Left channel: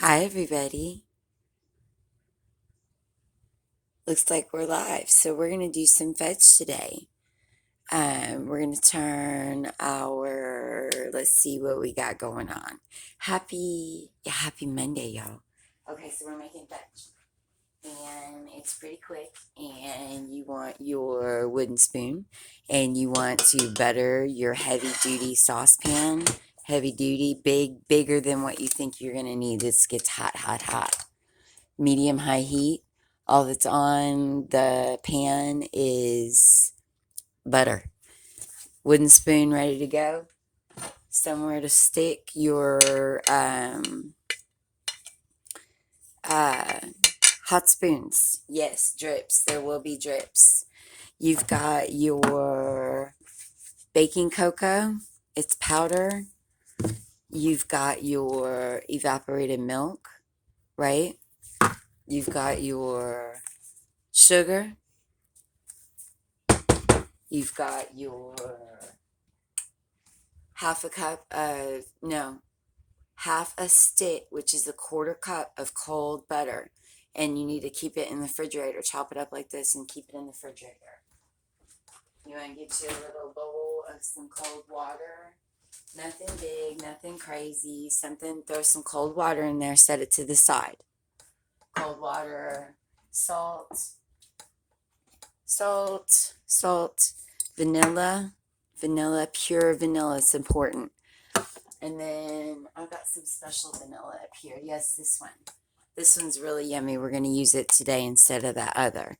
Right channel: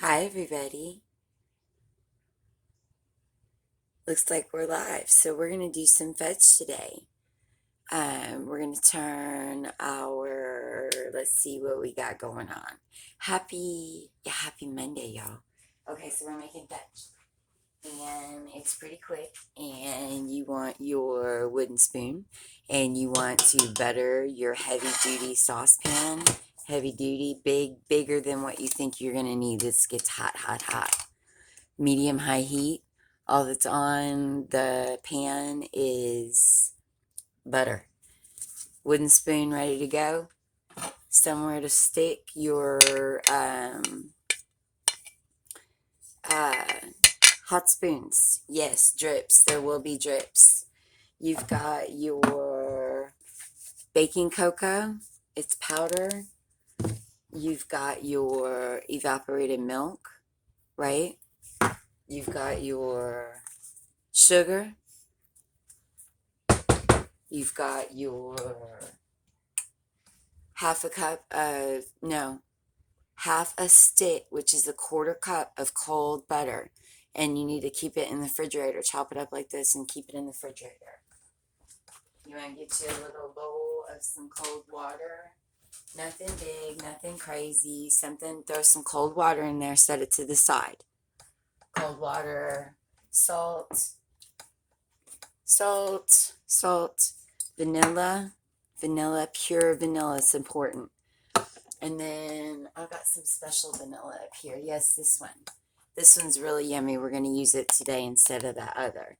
Hi, everybody. Looks like we're live. So, we're going to do some fudge today. We're going to turn let's see what we got going on. Happy Monday, y'all. Okay, so we're making fudge. And it's pretty quick. And you want your wooden spoon. And you want to butter your heavy duty saucepan. Heavy duty, bigger than what you think you're going to need. This gets hot, hot, hot. Medium high heat. All that's on the pan is butter. Wooden spoon ready to go. Somewhere to stick your uh, hot spoons. Yes, drips. There will be drips. You've got your baking cocoa. It's powder. You've got your evaporated milk, right? You've got your sugar. You've got your half a stick, which is a quarter cup of cold butter. And you need to keep it in the refrigerator. Chop it up like this and keep it in the refrigerator. You want to get you a little bowl of some cold water. Nothing big, nothing crazy. Throw some cold water in there, set it to the side. Cold water, salt, vanilla, pure vanilla is important. And then I've got some special vanilla up here. Yes, this one. This one's really yummy. We're going to use it today instead of that other.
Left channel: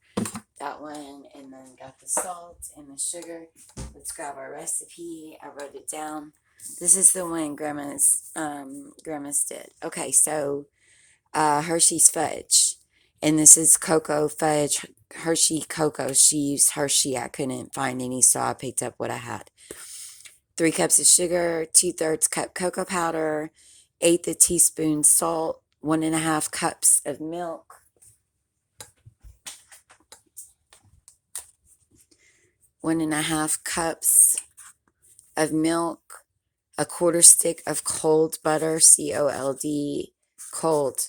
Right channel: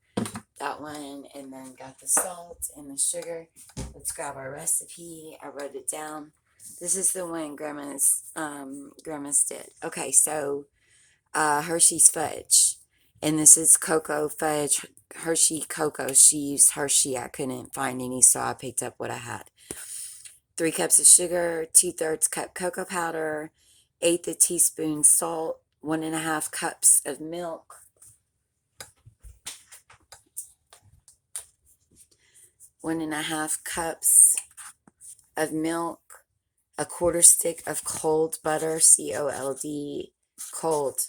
That one, and then got the salt and the sugar. Let's grab our recipe. I wrote it down. This is the one Grandma's did. Okay, so Hershey's fudge. And this is cocoa fudge, Hershey cocoa. She used Hershey. I couldn't find any, so I picked up what I had. 3 cups of sugar, 2/3 cup cocoa powder, 1/8 a teaspoon salt, 1.5 cups of milk, 1.5 cups of milk, a quarter stick of cold butter, cold, cold,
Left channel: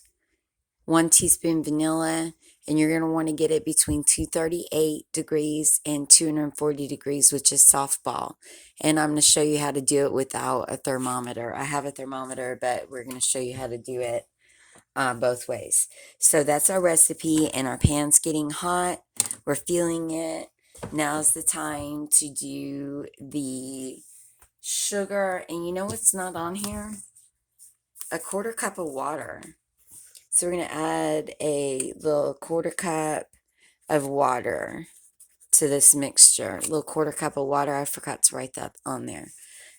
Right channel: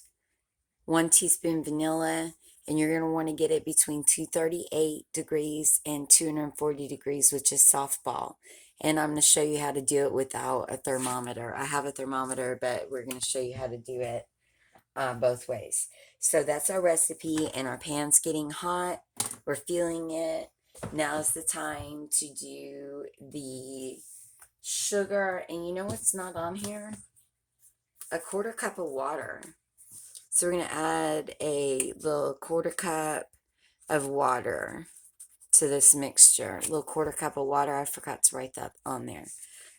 1 teaspoon vanilla, and you're going to want to get it between 238 degrees and 240 degrees, which is softball. And I'm going to show you how to do it without a thermometer. I have a thermometer, but we're going to show you how to do it both ways. So that's our recipe, and our pan's getting hot. We're feeling it. Now's the time to do the sugar. And you know what's not on here? A quarter cup of water. So we're going to add a little quarter cup of water to this mixture. A little quarter cup of water. I forgot to write that on there.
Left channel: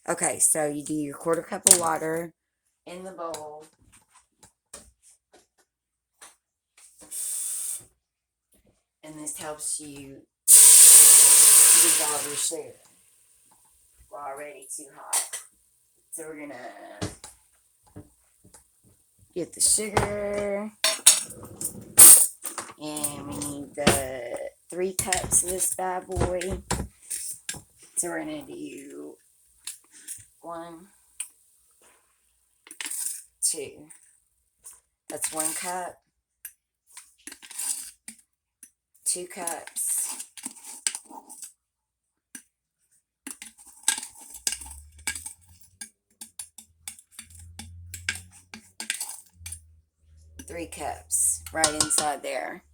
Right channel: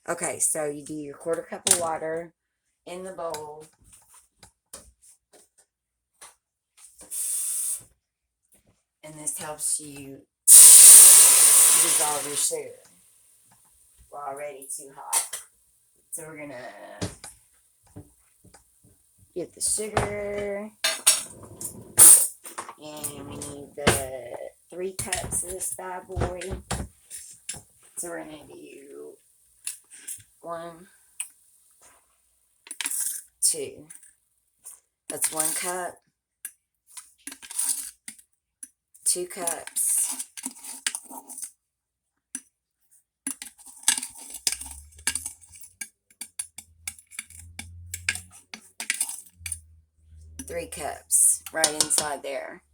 Okay, so you do your quarter cup of water in the bowl. And this helps you dissolve your sugar. We're already too hot. So we're going to get the sugar. And we need the 3 cups of this bad boy. So we're going to do 1, 2. That's 1 cup. 2 cups. 3 cups right inside there.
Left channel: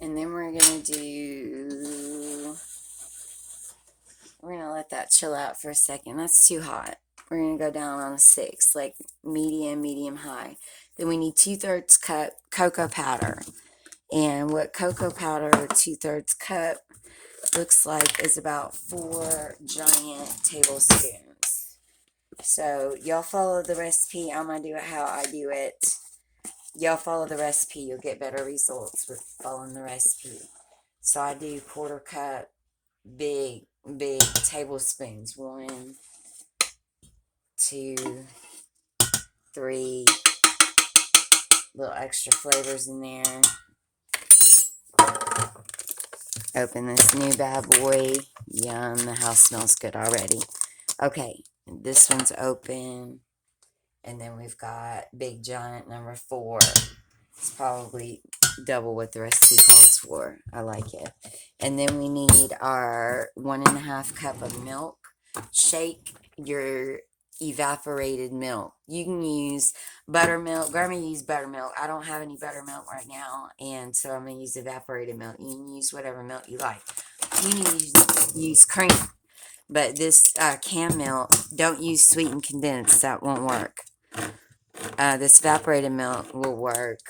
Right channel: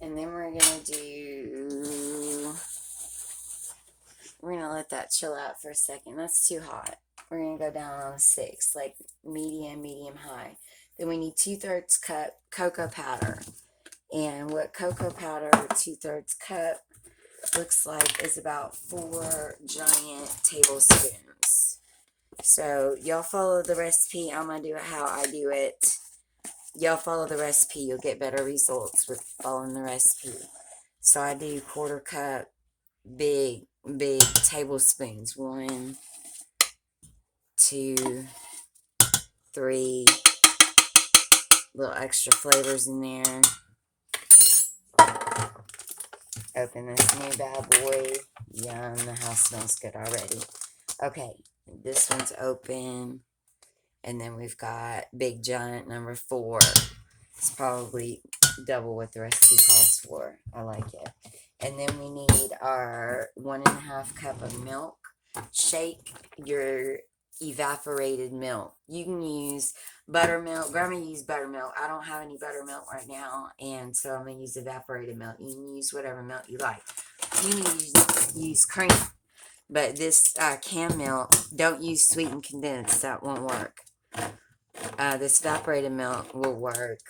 And then we're going to let that chill out for a second. That's too hot. We're going to go down on a 6, like medium high. Then we need 2/3 cup cocoa powder. And what cocoa powder 2/3 cup looks like is about 4 giant tablespoons. So y'all follow the recipe. I'm going to do it how I do it. Y'all follow the recipe. You'll get better results with following the recipe. So I do quarter cup, big tablespoons. 1, 2, 3. Little extra flavors in there. Open this new bad boy. Yum, the house smells good already. Okay, this one's open. And then we've got big giant number 4. It's probably double what the recipe calls for. I like it. And then we need our 1.5 cup of milk. Shake your evaporated milk. You can use buttermilk. Grandma used buttermilk. I don't have any buttermilk right now, and so I'm going to use evaporated milk. You can use whatever milk you like. You can use cream, but this canned milk, don't use sweetened condensed. That won't work. This evaporated milk will work.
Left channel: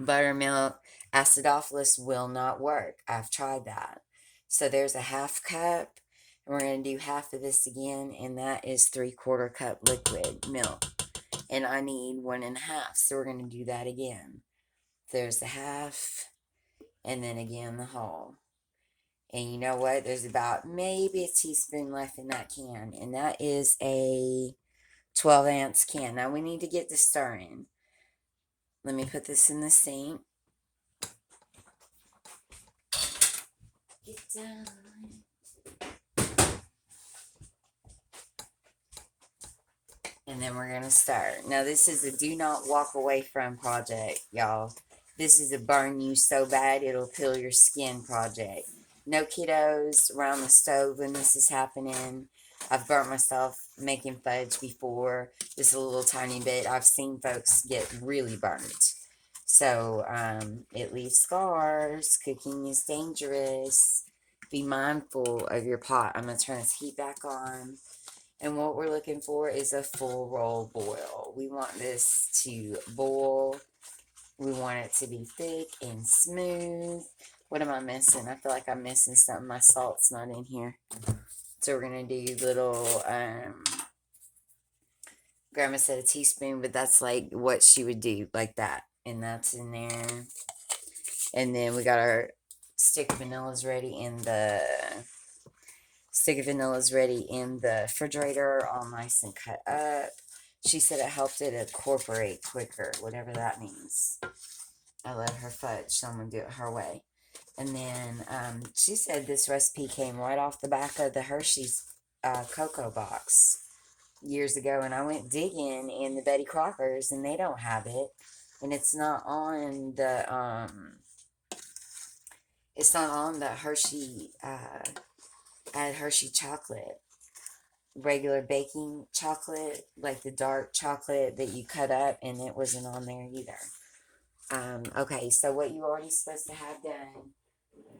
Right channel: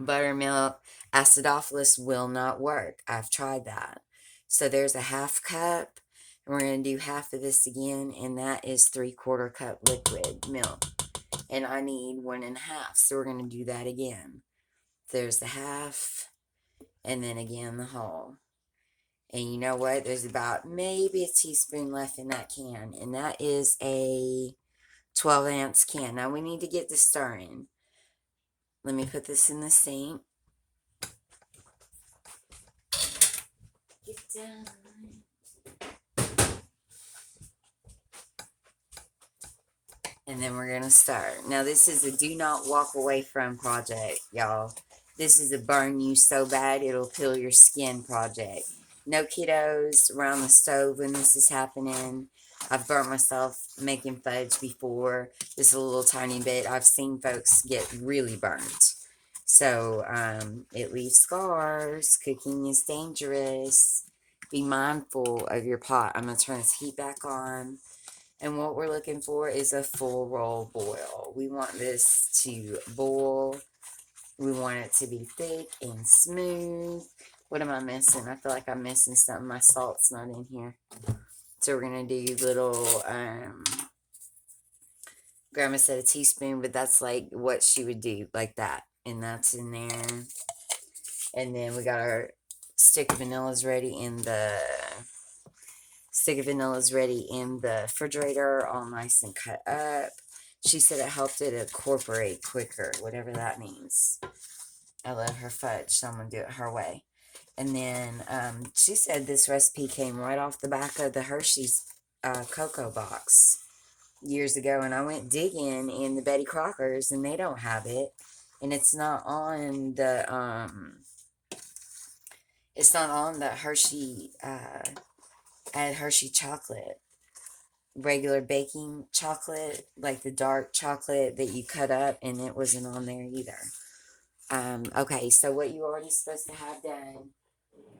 Buttermilk, acidophilus will not work. I've tried that. So there's a 1/2 cup. And we're going to do half of this again, and that is 3/4 cup liquid milk. And I need 1.5. So we're going to do that again. There's the 1/2, and then again the whole. And you know what? There's about maybe a teaspoon left in that can. And that is a 12-ounce can. Now we need to get this stirring. Let me put this in the sink. Get down. And then we're going to start. Now this is a do not walk away from project, y'all. This is a burn you so bad it'll peel your skin project. No kiddos around the stove when this is happening. I've burnt myself making fudge before. Just a little tiny bit. I've seen folks get really burnt. So it leaves scars. Cooking is dangerous. Be mindful of your pot. I'm going to turn this heat back on. And what we're looking for is a full roll boil. We want this to boil. We want it to be thick and smooth. What am I missing? I feel like I'm missing something. My salt's not in here. So we're going to do little, Grandma said a teaspoon, but that's like what she would do, like that. And that's in there. And then we got our stick of vanillas ready in the refrigerator, all nice and cut up. She said it helped it incorporate quicker, whatever that means. I let her fudge, so I'm going to do it her way. And then she said this recipe came right off the back of the Hershey's cocoa box years ago. And I went digging in the Betty Crockers, and they don't have it. And it's not on the Hershey, added Hershey chocolate. Regular baking chocolate, like the dark chocolate that you cut up, and it wasn't on there either. Okay, so what you're already supposed to have done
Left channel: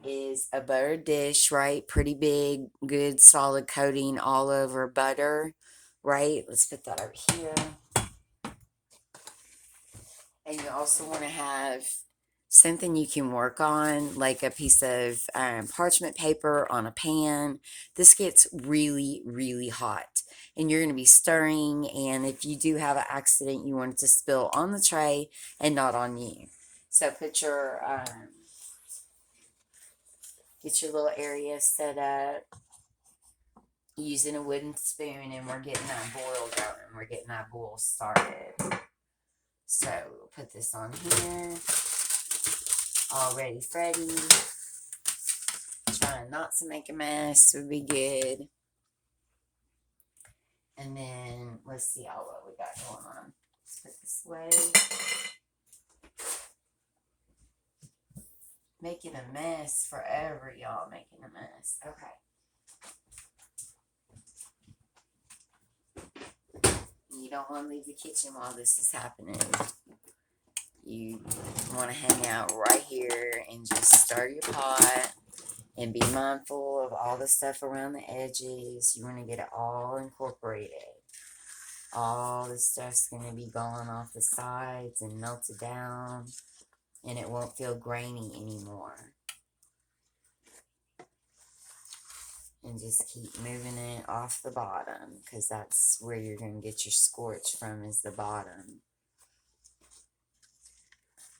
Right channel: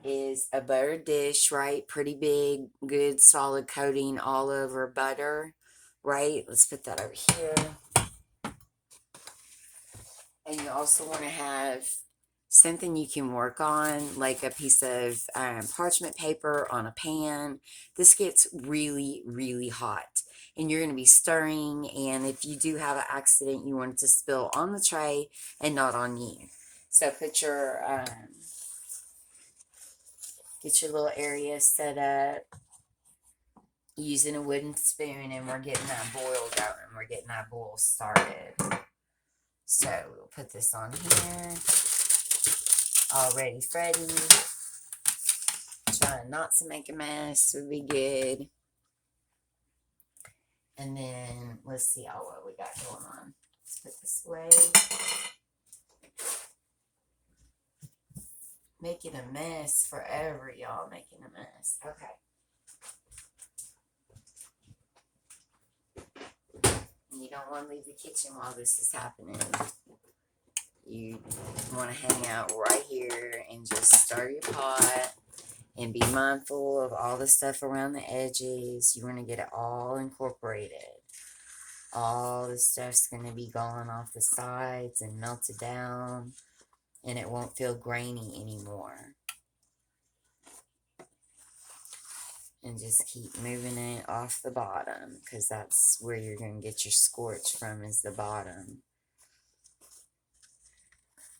is a buttered dish, right? Pretty big, good, solid coating all over butter, right? Let's put that over here. And you also want to have something you can work on, like a piece of parchment paper on a pan. This gets really, really hot. And you're going to be stirring. And if you do have an accident, you want it to spill on the tray and not on you. So put your, get your little area set up using a wooden spoon. And we're getting that boil going. We're getting that boil started. So we'll put this on here. Already Freddy. Trying not to make a mess would be good. And then let's see what we got going on. Let's put this away. Making a mess forever, y'all. Making a mess. Okay. You don't want to leave the kitchen while this is happening. You want to hang out right here and just stir your pot and be mindful of all the stuff around the edges. You want to get it all incorporated. All the stuff's going to be gone off the sides and melted down, and it won't feel grainy anymore. And just keep moving it off the bottom, because that's where you're going to get your scorch from, is the bottom.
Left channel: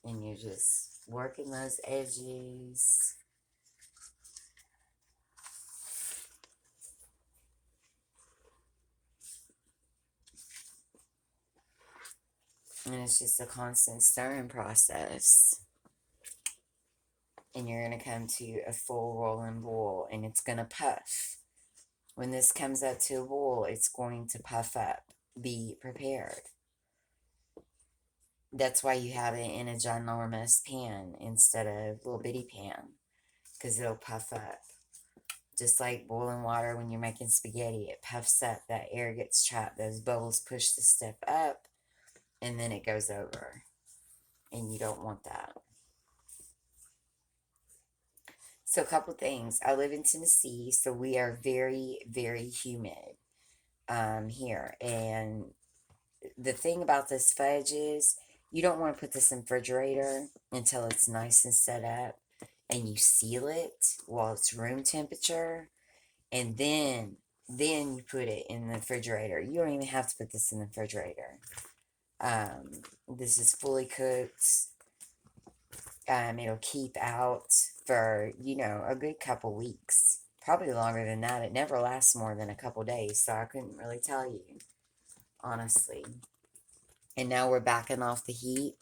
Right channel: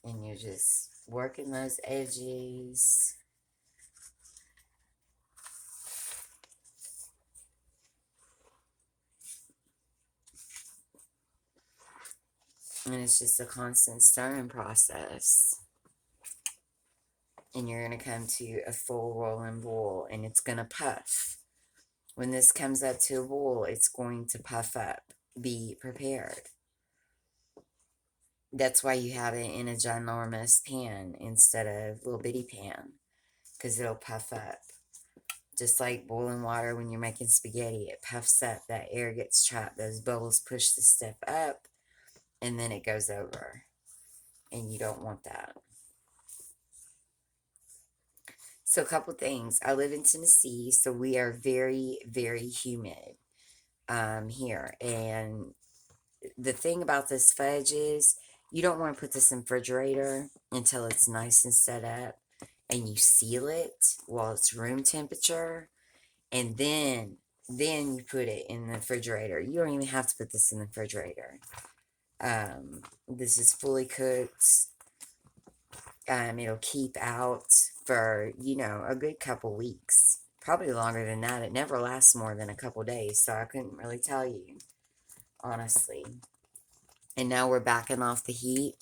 And you're just working those edges. And it's just a constant stirring process. And you're going to come to a full rolling boil, and it's going to puff. When this comes up to a boil, it's going to puff up. be prepared. That's why you have it in a ginormous pan instead of little bitty pan, because it'll puff up. Just like boiling water when you're making spaghetti, it puffs up. That air gets trapped. Those bubbles push the stuff up, and then it goes over. And you don't want that. So, a couple things. I live in Tennessee, so we are very, very humid here. And the thing about this fudge is you don't want to put this in the refrigerator until it's nice and set up, and you seal it while it's room temperature, and then you put it in the refrigerator. You don't even have to put this in the refrigerator. This is fully cooked. It'll keep out for, a good couple weeks. Probably longer than that. It never lasts more than a couple days, so I couldn't really tell you, honestly. And now we're backing off the heat,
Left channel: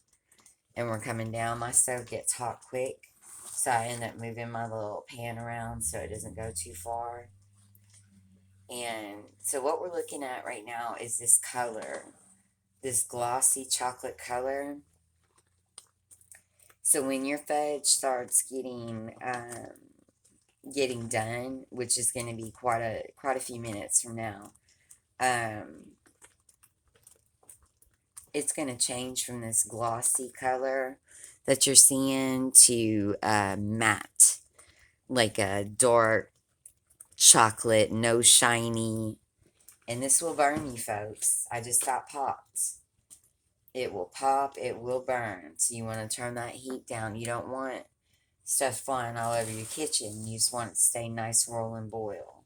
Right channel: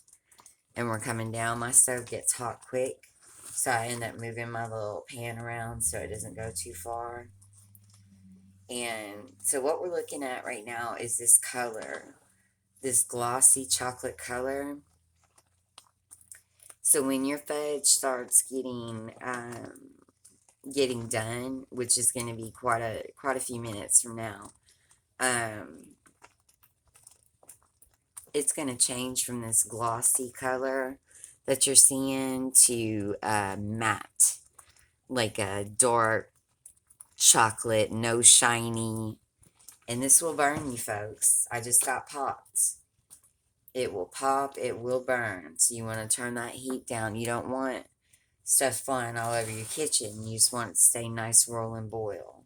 and we're coming down. My stove gets hot quick, so I end up moving my little pan around so it doesn't go too far. And so what we're looking at right now is this color, this glossy chocolate color. So when your fudge starts getting done, which is going to be quite a few minutes from now, it's going to change from this glossy color that you're seeing to matte, like a dark chocolate, no shiny. And this will burn you, folks. I just got popped. It will pop, it will burn. So you want to turn that heat down. You don't want stuff flying all over your kitchen. You just want it to stay nice, roll, and boil.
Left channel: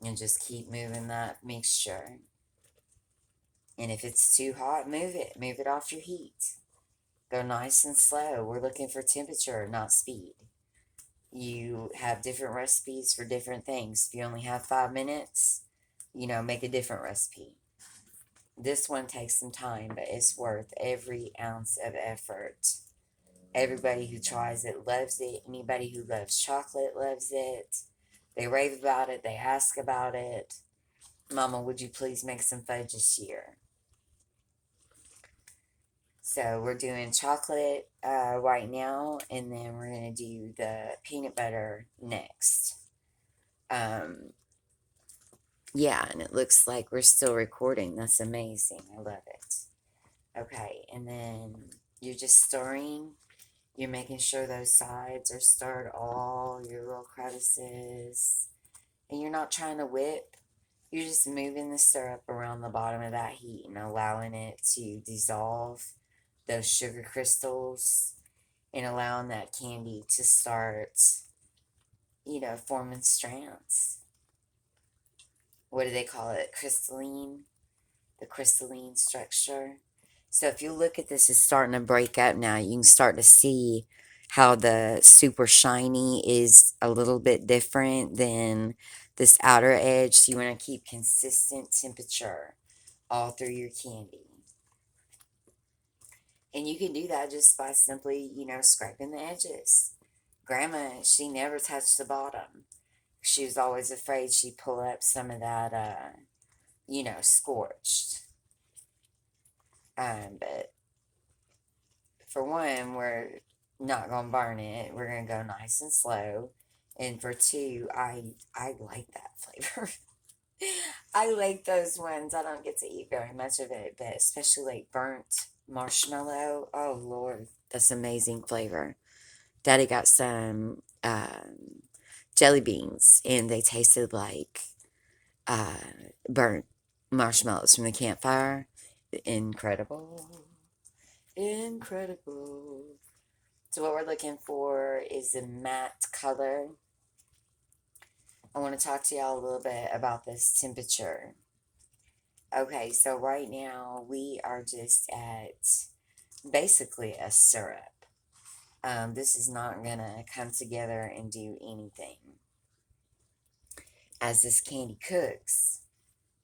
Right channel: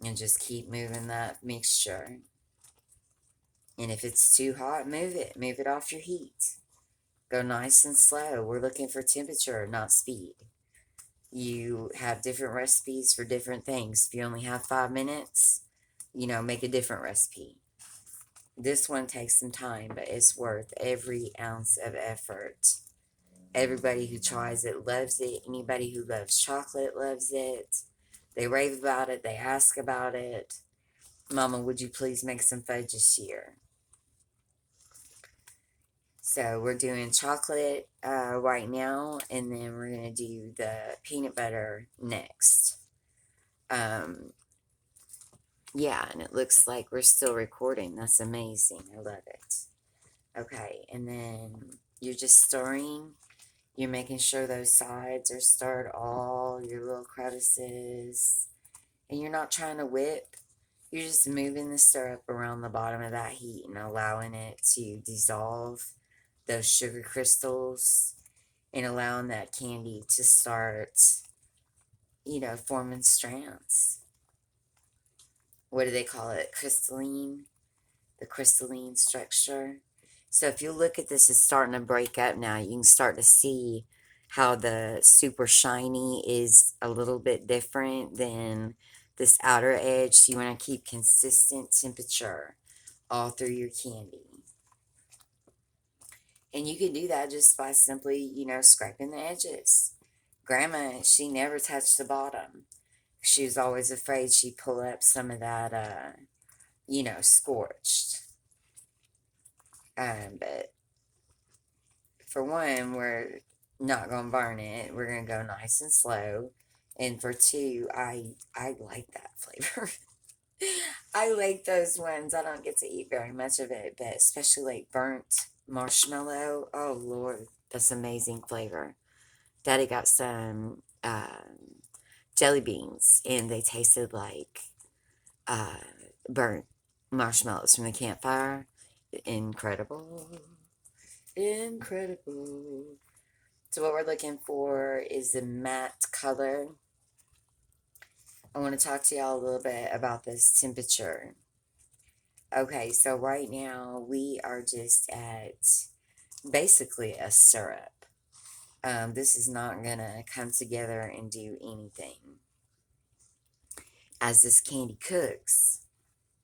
And just keep moving that mixture. And if it's too hot, move it. Move it off your heat. Go nice and slow. We're looking for temperature, not speed. You have different recipes for different things. If you only have 5 minutes, make a different recipe. This one takes some time, but it's worth every ounce of effort. Everybody who tries it loves it. Anybody who loves chocolate loves it. They rave about it. They ask about it. Mama, would you please make some fudge this year? So we're doing chocolate right now, and then we're going to do the peanut butter next. Yeah, and it looks like we're still recording. That's amazing. I love it. Okay, and then you're just stirring. You're making sure those sides are stirred, all your little crevices. And you're not trying to whip. You're just moving the syrup around the bottom of that heat and allowing it to dissolve those sugar crystals and allowing that candy to start, forming strands. What do they call it? Crystalline? The crystalline structure. So if you look at this, it's starting to break up now. You can start to see how the super shiny is a little bit different than this outer edge. So you want to keep consistent temperature all through your candy. And you can do that just by simply, scraping the edges. Grandma, she never touched the bottom. She was always afraid she'd pull up some of that, scorched. But for one, we're not gonna burn it. We're gonna go nice and slow. And for two, I like that flavor. I like those ones. I don't get to eat very much of it, but especially like burnt marshmallow. Oh Lord, that's amazing flavor. Daddy got some jelly beans, and they tasted like burnt marshmallows from the campfire. Incredible. Incredible. So what we're looking for is a matte color. I want to talk to y'all a little bit about this temperature. Okay, so right now we are just at basically a syrup. This is not going to come together and do anything. As this candy cooks,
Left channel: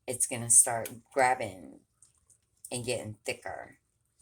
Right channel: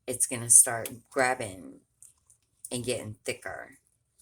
it's going to start grabbing and getting thicker.